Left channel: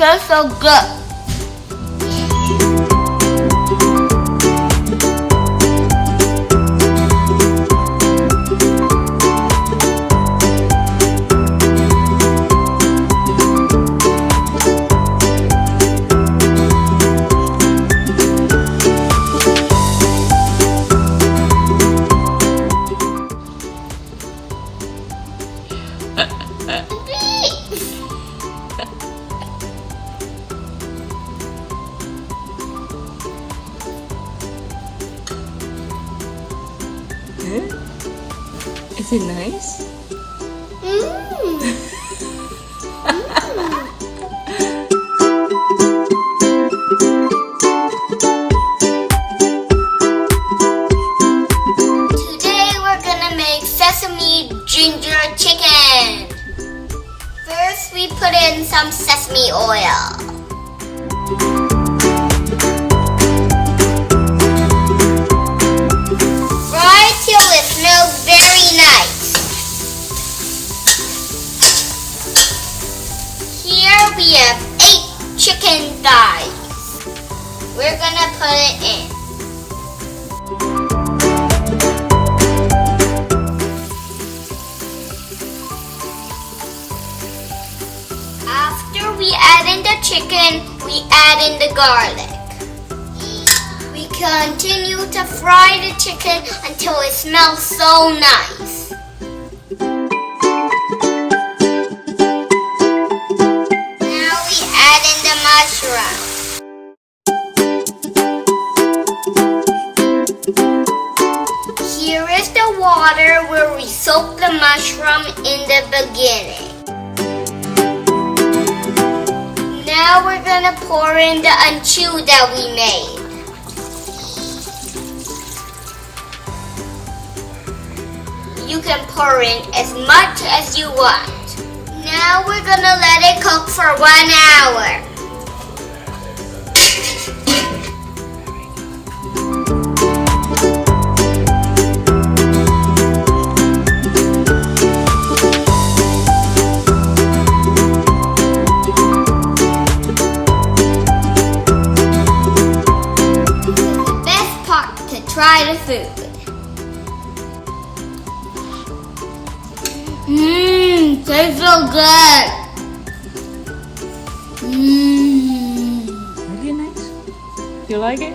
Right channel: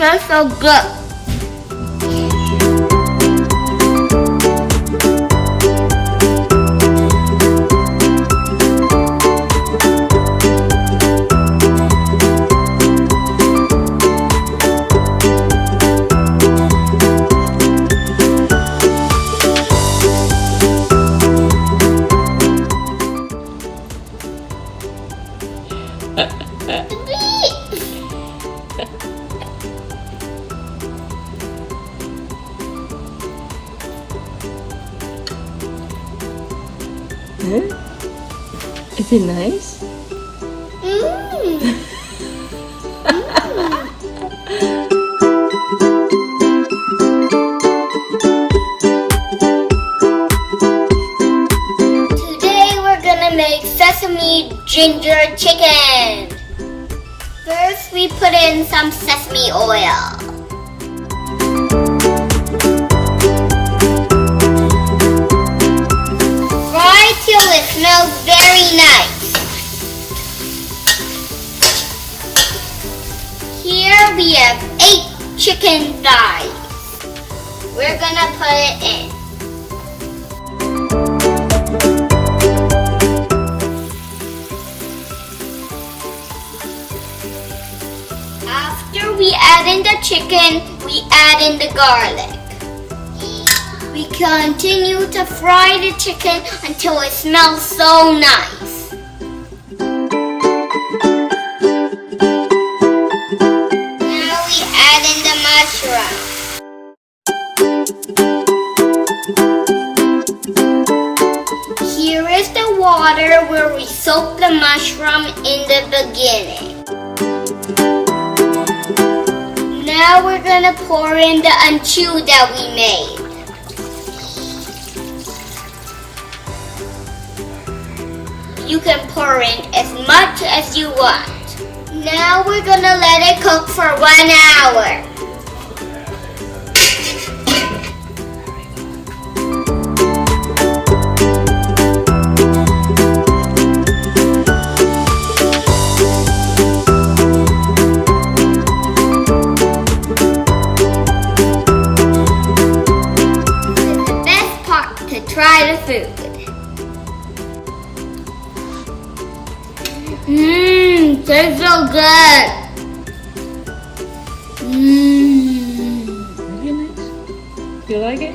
Tastes so good. Is it nice? Today we're gonna make sesame ginger chicken. First we put in some sesame oil. Fry till it smells very nice. Here we have 8 chicken thighs. We're gonna put it in. After we add in the chicken, we add in the garlic. We continue to fry the chicken until it smells so nice. Now we add in the mushroom. Here is the water where we soak the mushroom in the beginning. Now we're gonna pour in the anchu that we made. You can pour in as much as you want. Now we're gonna let it cook for 1 hour. Try the food. Tastes so good. Really nice. You like it?